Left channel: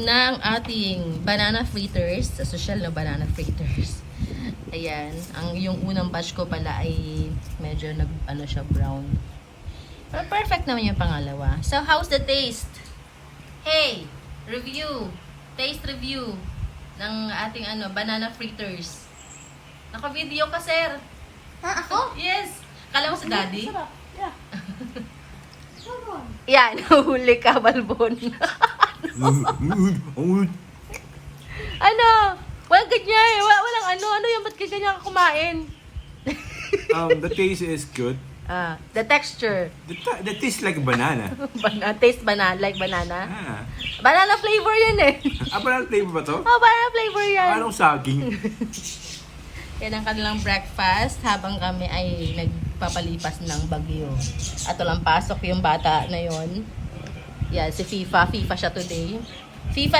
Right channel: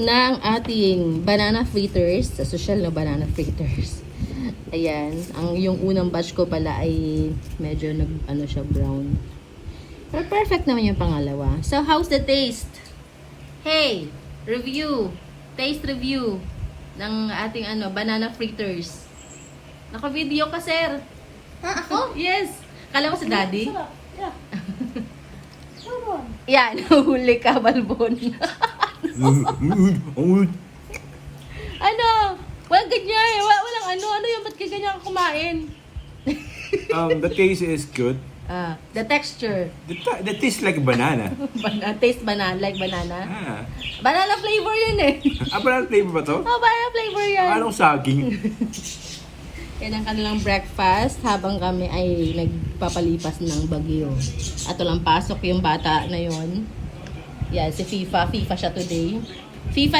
Na ang ating banana fritters, sa social na banana fritters. Ayan, yung unang batch ko pala ay medyo siya brown. Pero perfect naman yung pangalawa. So how's the taste? Hey, review, taste review ng ating banana fritters. Naka-video ka, sir. Ha, ako? Yes. Kala mo si daddy? Sarap. Yeah. Sarap. Yan, huli ka, balbon. Ano? Walang ganyan. Walang ano yung ba't ka ganyan kumain? The taste is good. The texture. The taste like banana. Taste banana, like banana. Ah. Banana flavor yan eh. Banana flavor ba to? Oh, banana flavor yan. Anong saging? Yan ang kanilang breakfast habang kami ay nagpapalipas ng Baguio. At walang pasok yung bata na yon. Yeah, si FIFA. FIFA siya today. FIFA